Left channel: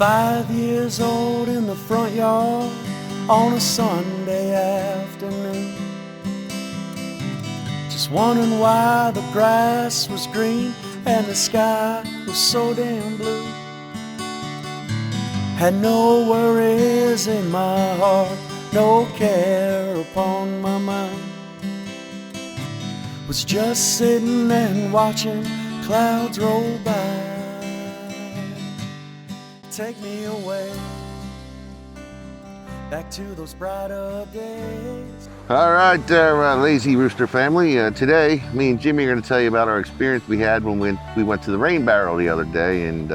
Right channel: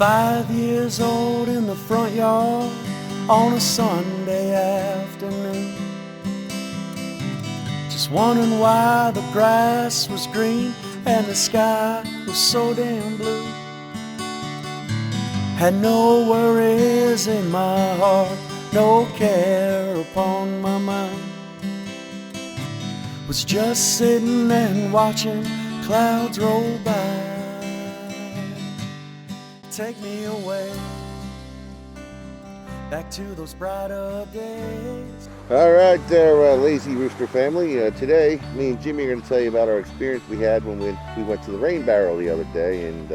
5 years old in the front yard on a Sunday afternoon, just wondering why the grass was green and the sky was so damn blue. Had no worries in my heart, no care upon my mind. Was just sitting and watching clouds roll by. Take me away back to those brighter days. All right there, Lazy Rooster family. Today, me and Jimmy are going to tell you about our experience we had when we went to the Rain Barrel the other day in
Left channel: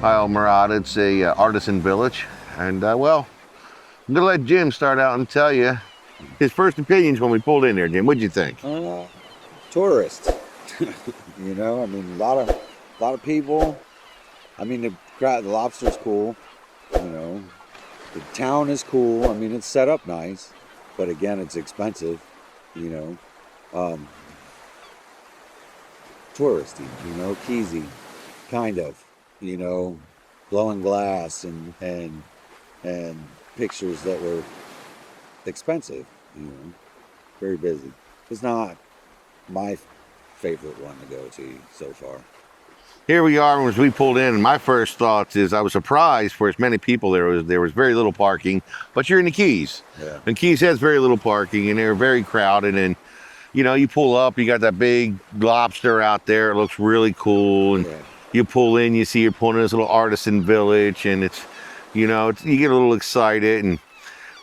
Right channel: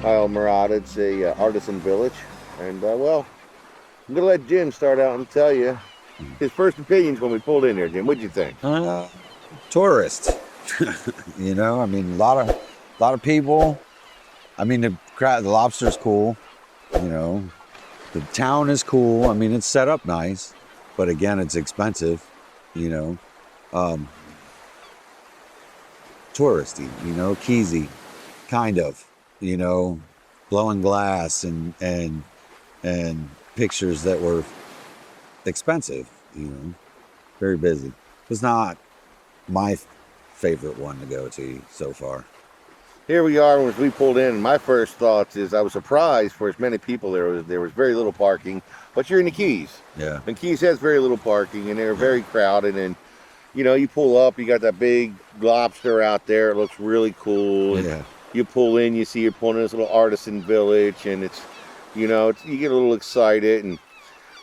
Islamorada. It's a artisan village. And well, I'm going to let Jim start out and tell you his first opinions when we pulled in there. Jim, what'd you think? Tourists. You know, I mean, a lot of people. I mean, the Lobster's cool. You know, the town is cool. I mean, it's set up nice, but again, it's expensive. You know, touristy. You know, keysy, kind of. You know, blowing glass and pictures that were expensive. You know, very busy. It's not my favorite one to go to so far. Here we are as we pulled in, and my first thoughts is I was surprised for as many people there was very little parking, but you're in the Keys. Yeah. And Keys has very little parking, and they're very crowded. And you know, you pull up, you got that big lobster out there. It looks really cool. And Yeah. you pull in, you see you're pulling in this little artisan village, and it's, you know, you get a little excited. And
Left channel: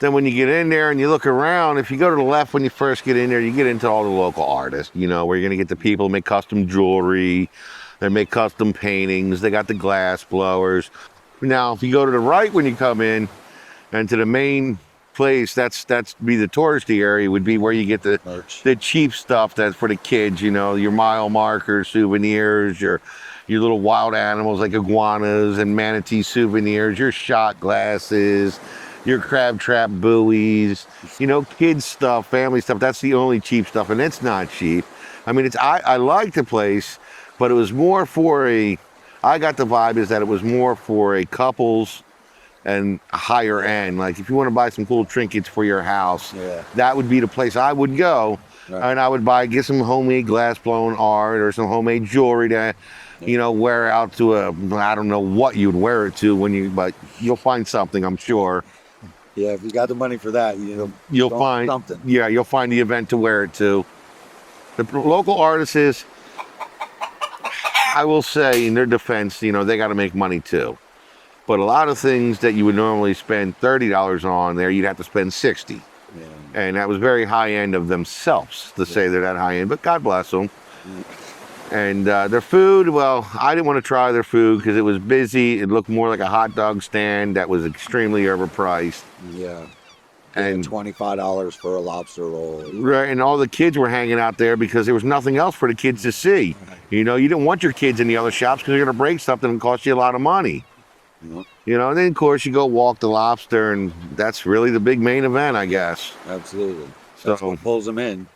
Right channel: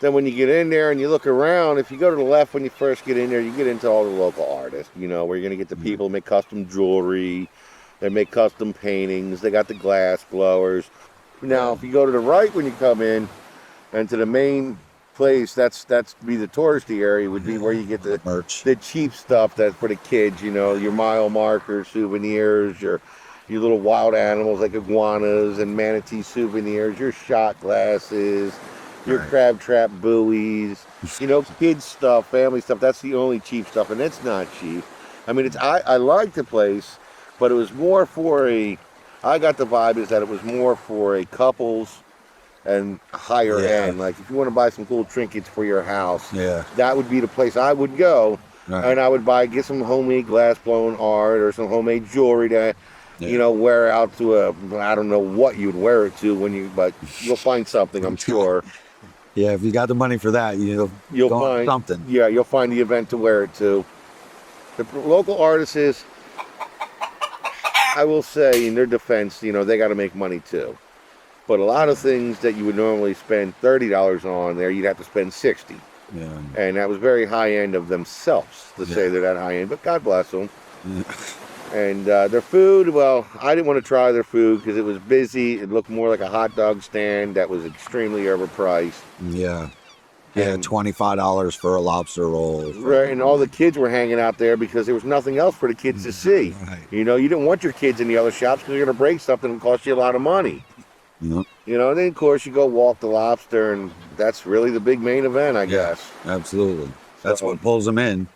then when you get in there and you look around, if you go to the left when you first get in there, you get into all the local artists, you know, where you're going to get the people who make custom jewelry, they make custom paintings, they got the glass blowers. Now, if you go to the right when you come in, and to the main place, that's be the touristy area, would be where you get the Merch. the cheap stuff that's for the kids, you know, your mile markers, souvenirs, your little wild animals like iguanas and manatee souvenirs, your shot glasses, your crab trap buoys, you know, kids stuff, family stuff. That's the only cheap stuff, and it's not cheap. I mean, I like the place, but it was more for I got the vibe is that it was more for a couples and higher end. Like if you want to buy some cool trinkets for your house, that would be the place I would go. Right. And I would get some homemade glass blowing art or some homemade jewelry to, you know, wear out to I don't know what you'd wear it to but you'll find something, I'm sure. Yeah, if you got the money for that, you'll find something. Yeah, you'll find the event to wear it to. The local artists, I will say, in their defense, you know, they got to make money too. But a lot of things that you would normally spend $30 on there, you'd have to spend $60. Yeah. And that was very high end of themselves to say they're that high end, but God bless them. Yeah. And their food, well, I didn't want to try their food because it was busy. It looked more like a hot dog stand that was extremely overpriced. Yeah. And $25 for a lobster roll. Right, and all the kids were hanging out there because there was nothing else for the kids to see. Right. You know, you didn't want your kids in the other shops because you're going to break something and cost you a lot of money. Yep. You know, and then of course you go walk the lobster, and that's really the big main event, I guess. Absolutely. That's what pulls them in.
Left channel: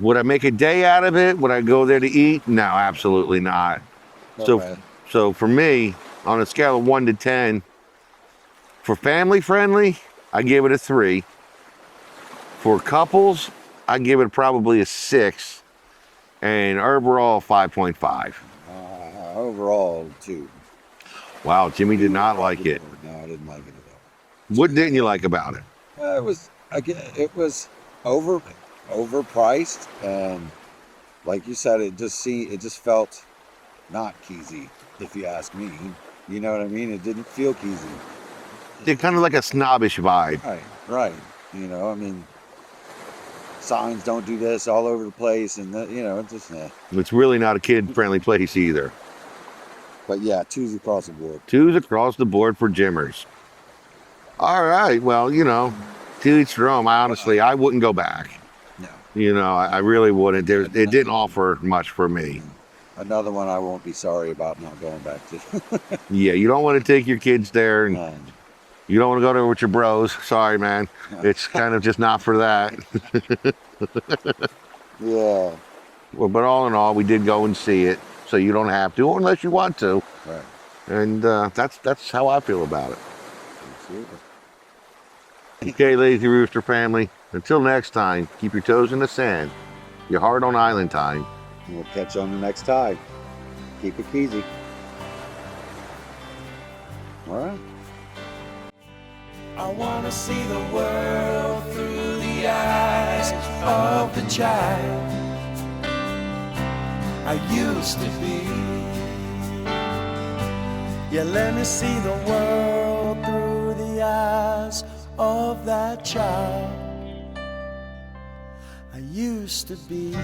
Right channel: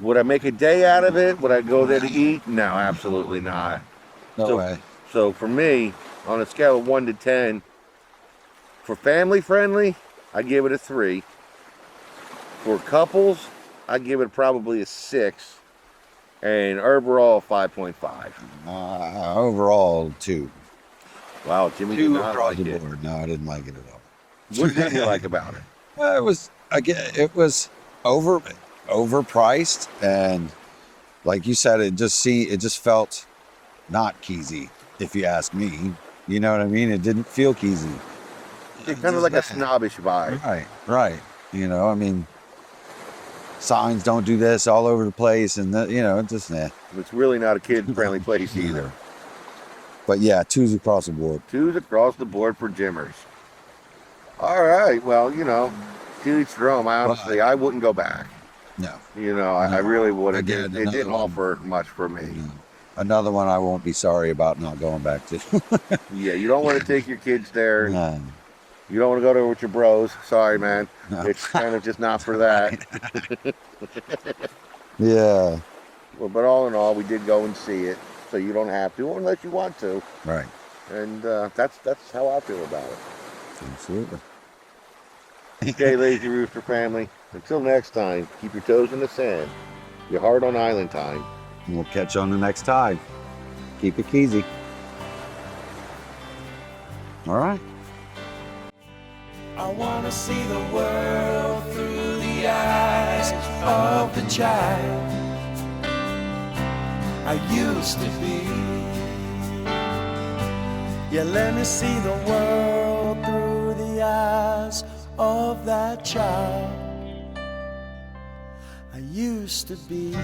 Would I make a day out of it? Would I go there to eat? No, absolutely not. No way. So for me, on a scale of 1 to 10, for family friendly, I give it a 3. For couples, I give it probably a 6. And overall, 5.5. Overall, 2. Wow, Jimmy did not like it. No, I didn't like it at all. What didn't you like about it? It was overpriced, and like you said, it just felt not keysy, if you ask me. You know what I mean? It didn't feel keysy. It's kind of like a snobbish vibe. Right. You know, I mean, signs don't do this all over the place, and you know, it's just It's really not a kid-friendly place either. But yeah, 2s across the board. 2s across the board for Jimmers. All right, well, you know, to each their own. Honestly, I wouldn't go back. No. You know, I really wouldn't. It didn't offer much for me. Another one I won't be sorry about not going back to. Yeah, you don't want to take your kids there. No. You don't want to go there with your bros. Sorry, man. No. It's kind of just not for that. Yeah. Well, but all in all, we did go and see it. So you don't have to unless you want to. Right. And that's how I feel about it. Absolutely. Okay, Lazy Rooster family. Until next time, keep your toes in the sand, your heart on island time. And we'll catch you on the next tide. Keep it easy. All right. I wanna see the world through the eyes of the child I used to be. Yeah, let me see the world through the eyes of that child I used to be.